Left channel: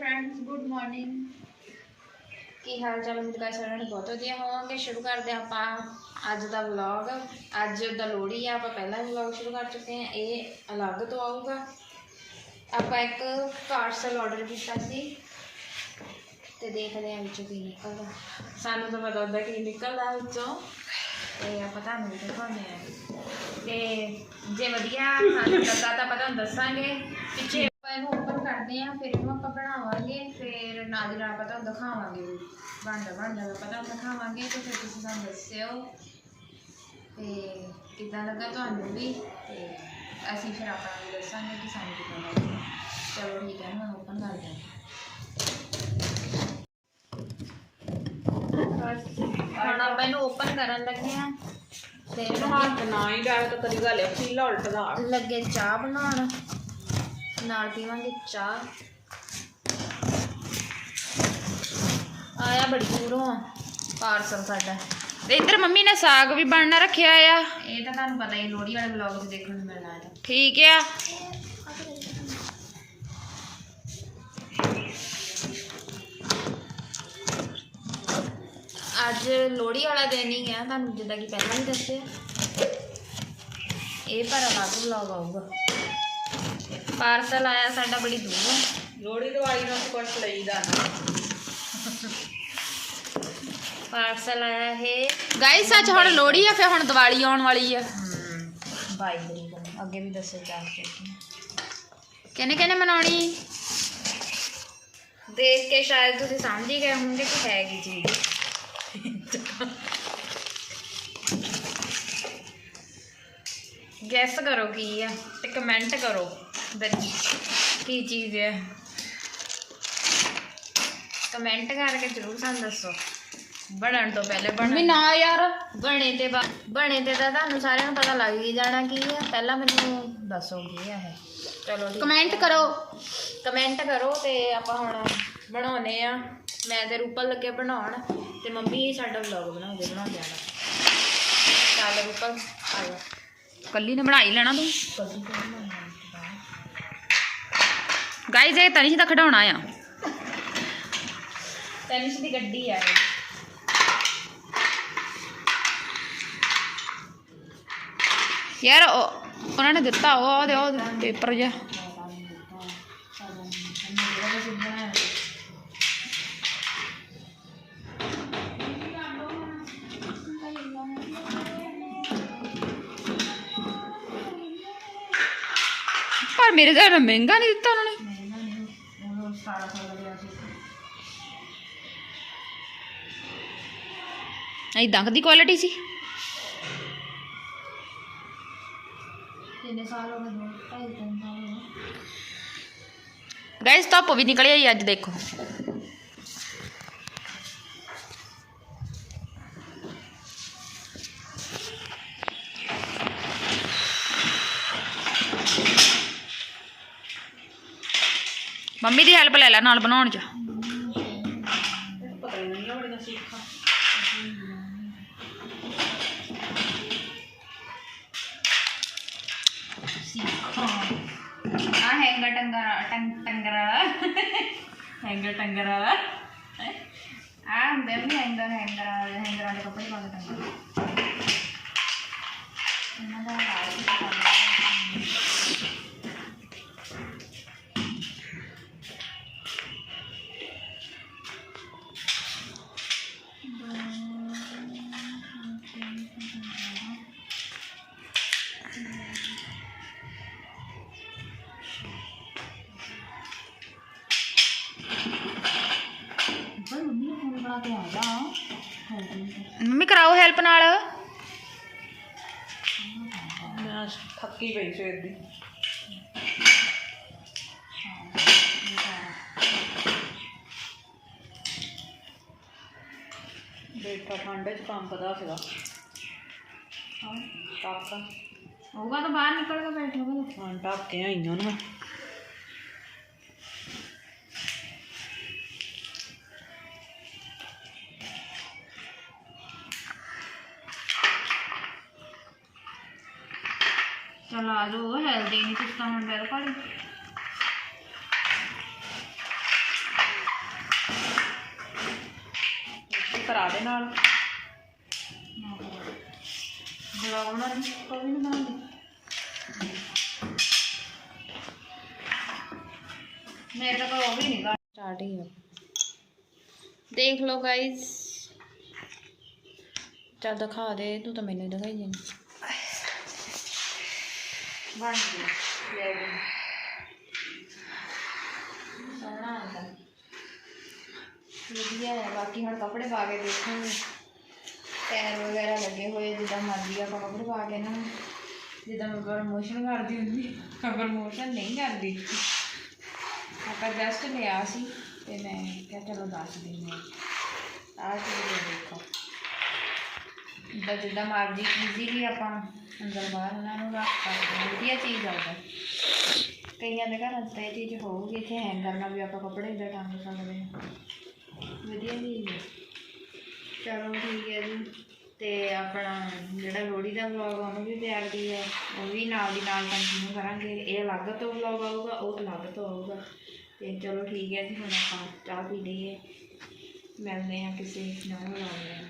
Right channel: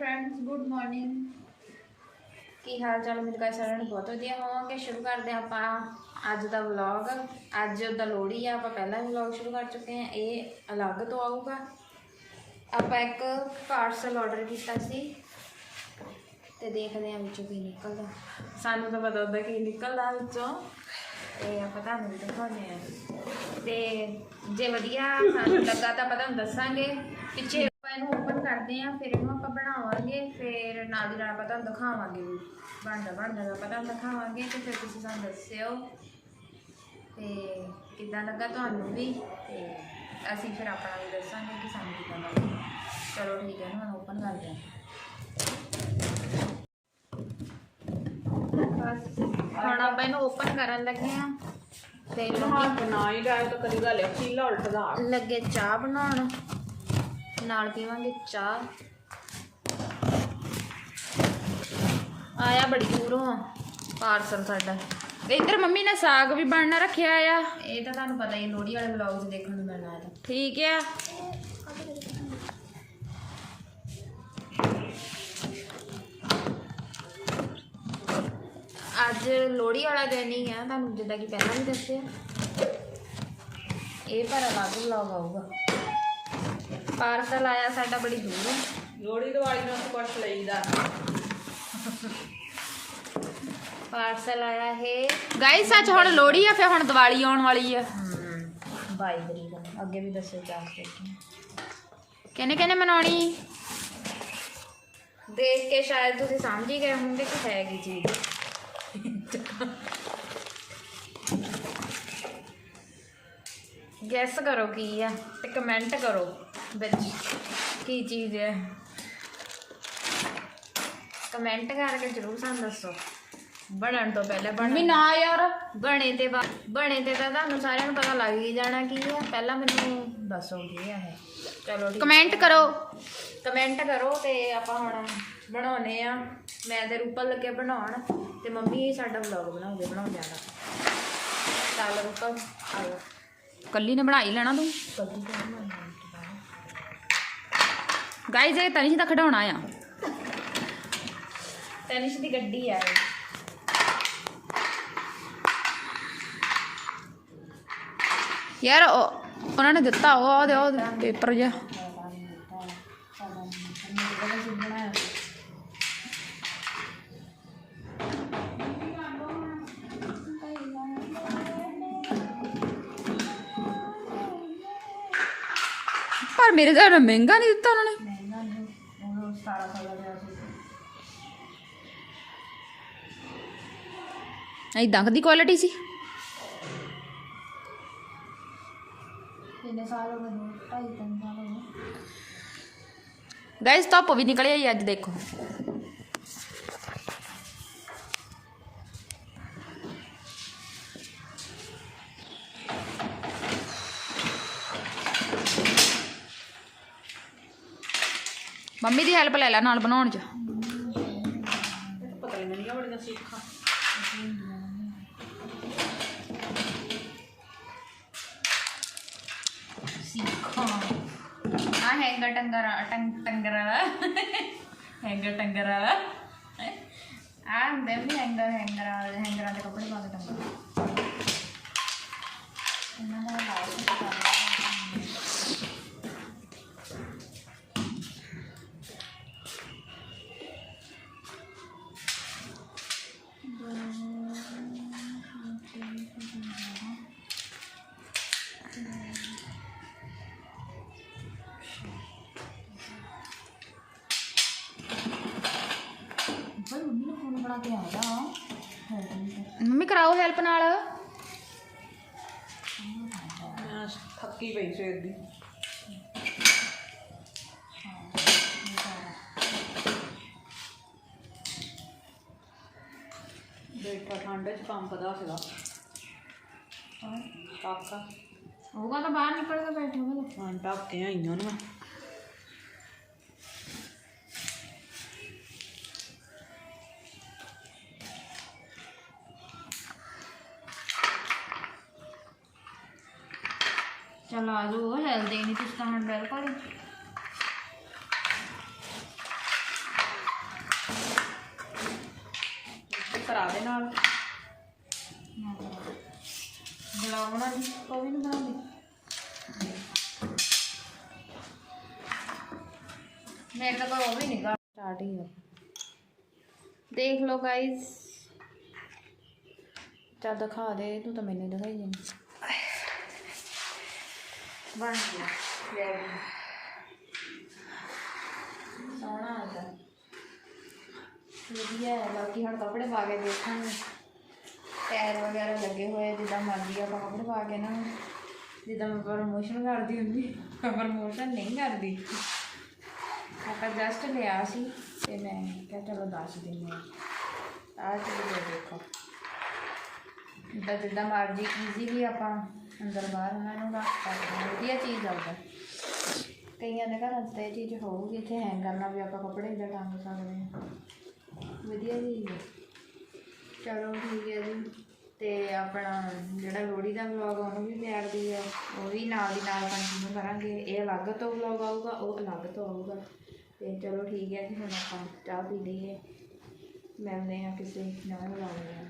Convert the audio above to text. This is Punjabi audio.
ਫਰੈਂਡਸ ਗੁੱਡ ਮਾਰਨਿੰਗ ਕੀ ਹਾਲ ਚਾਲ ਮੇਰੇ ਕਰ ਸਾਰਿਆਂ ਨੂੰ ਬਹੁਤ ਵਧੀਆ ਹੋਵਾਂਗੇ। ਸ਼ੁਰੂ ਕਰਦੇ ਹਾਂ ਆਪਾਂ ਅੱਜ ਦਾ ਵਲੌਗ ਅੱਜ ਦਾ ਲੋਹੜੀ ਆ, ਆਪਾਂ ਪਹਿਲਾਂ ਵੀ ਵਲੌਗ ਸ਼ੁਰੂ ਕਰ ਚੁੱਕੇ ਹਾਂ। ਇਹ ਅਲੱਗ ਤੋਂ ਆਊਗਾ। ਆਪਾਂ ਇੱਕ ਪਾਰਸਲ ਆਰਡਰ ਕੀਤਾ ਸੀ। ਤੇ ਦੇਖਦੇ ਹਾਂ ਵਿੱਚੋਂ ਕੀ ਨਿਕਲਦਾ। ਸਾਨੂੰ ਤਾਂ ਪਤਾ ਹੁੰਦਾ ਕੀ ਨਿਕਲਦਾ ਵਿੱਚੋਂ। ਤੇ ਆਪਾਂ ਤੁਹਾਨੂੰ ਵੀ ਦਿਖਾਉਂਦੇ ਆ ਤੇ ਜੇ ਵਧੀਆ ਸਾਨੂੰ ਲੱਗਾ ਤਾਂ ਆਪਾਂ ਤੁਹਾਨੂੰ ਦੱਸਾਂਗੇ। ਪਿੱਛੇ ਕਰਦੇ ਆ ਫਿਰ ਇਹਨੂੰ ਆਪਾਂ ਬਣਾਵਾਂਗੇ ਫਿਰ ਨਾਲ ਦੀ ਨਾਲ ਆਪਾਂ ਤੁਹਾਨੂੰ ਦਿਖਾਵਾਂਗੇ ਵੀ ਬਣਦਾ ਬਣਦਾ ਵਾ ਪਤਾ ਦਿਖਾਵਾਂਗੇ ਤੇ ਫਿਰ ਤੁਸੀਂ ਸਾਨੂੰ ਦੱਸਿਓ ਤੇ ਕਿੱਦਾਂ ਲੱਗਾ ਤੁਹਾਨੂੰ ਵੀ ਤੇ ਅਸੀਂ ਫਿਰ ਆਪਾਂ ਨੂੰ ਵੀ ਦੱਸਾਂਗੇ ਕਿ ਸਾਨੂੰ ਕਿੱਦਾਂ ਲੱਗਾ। ਚਲੋ ਠੀਕ ਹੈ ਨਾ ਓਪਨ ਕਰਦੇ ਹਾਂ। ਬਸ ਹੁਣ ਆਪਾਂ ਇਹਨੂੰ ਓਪਨ ਕਰਨ ਲੱਗੇ ਆ ਤੇ ਲੱਗੇ ਹੱਥ ਨਾ ਹੀ ਡਾਲ ਤਾਂ ਕਰੀ ਗੱਲ ਹੈ ਚੀਲਾ ਉਲਟਦਾ। ਲੱਗੇ ਚਾਹ ਬਣਾਉਣ। ਨਾਲ ਪੀਵਾਂਗੇ ਚਾਹ। ਆਇਆ ਬੜੀ ਦੂਰੋਂ। ਪਾਰਸਲ ਸਾਡਾ। ਤੇ ਇੱਧਰ ਮੰਮੀ ਨੇ ਸਾਗ ਵੀ ਬਣਨਾ ਰੱਖਿਆ ਆ। ਇਹ ਤਾਂ ਤੁਹਾਨੂੰ ਪਤਾ ਹੀ ਲੋਹੜੀ ਵਾਲੇ ਵਲੌਗ 'ਚ ਦੇਖਣ ਨੂੰ ਮਿਲਣਾ ਹੈ ਠੀਕ ਆ। ਅੱਜ ਲੋਹੜੀ ਵਾਲਾ ਦਿਨ ਹੀ ਆ। ਤੁਹਾਨੂੰ ਜਿੱਦਾਂ ਕਿ ਪਹਿਲਾਂ ਵੀ ਦੱਸਿਆ। ਇਹ ਪਰ ਅਲੱਗ ਵਲੌਗ ਆਊਗਾ। ਪਾਰਸਲ ਆਇਆ ਸਾਡਾ ਬੜੀ ਦੂਰੋਂ ਲੋੜੀ ਦਿਵਾਲੀ ਨੂੰ ਕੁਛ ਲਈਦਾ ਪਾਰਸਲ ਆਇਆ ਹੈ ਗਾਇਸ ਸੱਚ ਹੁਣ ਲੋੜੀ ਆ ਫਿਰ ਹੁਣ ਦੀਵਾਲੀ ਆਉਣ ਵਾਲੀ ਆ। ਬਾਈ ਤਰੀਕ ਨੂੰ। ਅੱਗੇ ਵੀ ਦੱਸਿਆ ਜਾ ਕੇ। ਕਿਹਨੇ ਕਿਹਨੇ ਮਨਾਉਣੀ? ਦੇਖ ਕੇ ਸ਼ਾਇਦ ਤੁਸੀਂ ਸਮਝ ਹੀ ਗਏ ਹੋਵੋਗੇ ਕਿ ਹੈ ਕੀ ਚੀਜ਼। ਗੈਸ ਕਰੋ ਕੀ ਆ ਤੇ ਕਮੈਂਟ ਕਰੋ। ਕੀ ਚੀਜ਼ ਹੈ? ਕਮੈਂਟ ਕਰਕੇ ਜ਼ਰੂਰ ਸਾਨੂੰ ਦੱਸੋ। ਬਣਨ ਤੋਂ ਪਹਿਲੇ ਮੰਮੀ ਬਣ ਨਾ ਯਾਰ। ਬਣੇ ਤੇ ਬਾ- ਬਣੇ ਤੇ ਤਾਂ ਤੁਹਾਨੂੰ ਸਾਰਿਆਂ ਨੂੰ ਪਤਾ ਲੱਗ ਹੀ ਜਾਣਾ ਕੀ ਹੈ। ਪਹਿਲਾਂ ਮੈਨੂੰ ਦੱਸੋ ਕੀ ਹੈ ਚਲੋ ਠੀਕ ਕਮੈਂਟ ਕਰੋ। ਕਮੈਂਟ ਕਰੋ ਤੇ ਆਪਾਂ ਹੁਣ ਬਣਾਉਨੇ ਆ। ਮੈਂ ਤੇ ਰੂਪਲ ਲੱਗੇ ਬਣਾਉਣ ਤੇ ਮੰਮੀ ਸਾਡਾ ਵਲੌਗ ਬਣਾਉਂਦੇ ਬਣਾਉਂਦੇ ਆਣਾ ਚੱਲ ਰੂਪਲ ਆ ਜਾ। ਕੱਲੀ ਨੇ ਬਣਾ ਹੀ ਲੈਣਾ ਤੂੰ? ਕਦੀ ਤੇ ਬਣਾਉਣਾ ਗਾਇਸ ਇਹ ਤਨੀ ਦਾ ਖਡਾਉਣਾ ਆ। ਤੈਨੂੰ ਦੀ ਗੱਡੀ ਆ ਇਹ। ਯਾਰ ਉਹ- ਉਹਨਾਂ ਨੇ ਦਿੱਤਾ ਉਹ ਉਹਦੇ ਉਹ ਪੇਪਰ ਜਿਹਾ। ਪਰ ਮੇਰੇ ਘਰ ਮਹਿੰਗਾ ਨਹੀਂ ਦਿੱਤਾ 17 ਸਾਲ ਦਾ ਸੀ। ਐਦਾਂ ਦੀ ਕੁਆਲਿਟੀ ਸੀ? ਕਿੰਨੇ ਸਾਲ ਹੋ ਗਏ ਦੋ ਢਾਈ ਤਿੰਨ ਸਾਲ ਹੋ ਗਾਇਸ ਧੁੱਪ ਵੀ ਨਿਕਲਿਆ ਆਈ ਅੱਜ ਦੇਖੋ। ਮੰਮੀ ਦੀ ਹੈਲਪ ਲੈ ਲੈ ਨਾਲ ਬਣਾਉਣ ਚ। ਆ ਹੈਂਗਰ ਟੰਗਰ, ਟੰਗ, ਟੰਗਰ। ਹੈਂਗਰ ਟੰਗਰ। ਆ ਹੁੰਦੇ ਵੀ ਹੈਂਗਰ ਹੈਂਗਰ ਹੈਂਗਰ ਵਾਲੇ ਕੱਪੜੇ ਪਾ ਟੰਗਰ। ਇਹਨਾਂ ਦਾ ਹਾਲ ਹੀ ਹੈਲਪ ਨਾਲ। ਮੈਂ ਥੱਕੀ ਪਈ ਸਵੇਰ ਦੀ। ਬੈਠਾ ਠੰਡੇ ਚ ਕੰਮ ਪਤਾ ਸੀਗਾ। ਹਾਂ। ਕਾਕਾ ਹੋਊਗਾ ਤਾਂ ਬਾਹਰ ਨਿਕਲ ਕੇ ਬੈਠੋਗੇ ਹਾਂ ਢੱਕ ਕੇ ਆਈਆਂ ਨੇ ਤਾਂ ਲਾਜ ਹੋ ਹਿਲਦੇ ਨਹੀਂ ਕਿਸ ਤਰ੍ਹਾਂ ਬਿਲਕੁਲ ਕਰਾ ਦੇ ਨਾਲ। ਬਲਾਉਣਾ ਨਹੀਂ ਕੋਈ ਨਹੀਂ ਬਣਾਉਂਦੀ। ਮੇਰੇ ਤਾਂ ਕੋਈ ਨਹੀਂ ਸਟਾਰਟ ਹੀ ਹੈ ਦੇਖ ਲਓ ਗਾਇਜ਼ ਚੱਲ ਦਿਖਾ ਦੇ ਤੂੰ ਤਾਂ ਮੈਨੂੰ ਦਿਖਾਈ ਜਾਂਦੀ ਬਣ ਲੈ ਗਈ ਸੋਹਣਾ ਆਇਆ ਵਧੀਆ ਹੈ ਬਾਕੀ ਹੁਣ ਕੱਪੜੇ ਪਾ ਕੇ ਦੇਖਾਂਗੇ। ਟਾਇਰ ਵਗੈਰਾ ਲੱਗੇ ਹੋਏ ਜਿੱਦਾਂ ਮਰਜ਼ੀ ਆਪਾਂ ਕੱਪੜੇ ਪਾ ਕੇ ਨਾ, ਜਿੱਦਾਂ ਮੈਂ ਪ੍ਰਮੋਸ਼ਨ ਕਰਦੀ ਹੁੰਦੀ ਪ੍ਰਮੋਸ਼ਨ ਨਹੀਂ ਕਰਦੀ। ਆਪਾਂ ਜਸਟ ਲਿਆ ਸੀ, ਤੇ ਮੈਂ ਕਿਹਾ ਚਲੋ ਦੱਸ ਦਿੰਦੇ ਹਾਂ। ਆਹ ਚੀਜ਼ ਦੇਖੋ। ਜਿੱਦਾਂ ਜਿੱਦਾਂ ਮਰਜ਼ੀ ਈਜ਼ੀਲੀ ਆਪਾਂ ਅੰਦਰ ਬਾਹਰ ਉਹਨਾਂ ਨੂੰ ਰੱਖ ਸਕਦੇ ਹਾਂ, ਵਧੀਆ ਚੀਜ਼ ਆਉਂਦਾ ਕਈਆਂ ਦੇ ਘਰਾਂ 'ਚ ਤਾਂ ਇਹ ਚੀਜ਼ ਹੋਊਗੀ, ਇੱਥੇ ਹੈਂਗ ਕਰਨਾ ਵੀ ਆਪਾਂ ਕੱਪੜੇ ਇੱਦਾਂ ਟੰਗ ਸਕਦੇ ਹਾਂ। ਵਧੀਆ ਚੀਜ਼ ਹੈ ਚਲੋ ਠੀਕ ਹੈ ਜੀ, ਤੇ ਆਪਣਾ ਜਿਹੜਾ ਲੋਹੜੀ ਦਾ ਵਲੌਗ ਉਹਨੂੰ ਵੀ ਪਿਆਰ ਦੀ ਹੈ ਉਹ ਵੀ ਨਾਲ ਦੀ ਨਾਲ ਕੰਟੀਨਿਊ ਕਰਾਂਗੇ। ਇਹ ਅਲੱਗ ਤੋਂ ਵਲੌਗ ਆਊਗਾ, ਉਹ ਅਲੱਗ ਤੋਂ ਆਊਗਾ। ਤੇ ਚਲੋ ਠੀਕ ਹੈ ਜੀ, ਹੁਣ ਆਪਾਂ ਚਾਹ ਪੀ ਲਈਏ। ਮਿਲਦੇ ਹਾਂ ਕਿਸੇ ਨਵੇਂ ਵਲੌਗ ਨਾਲ।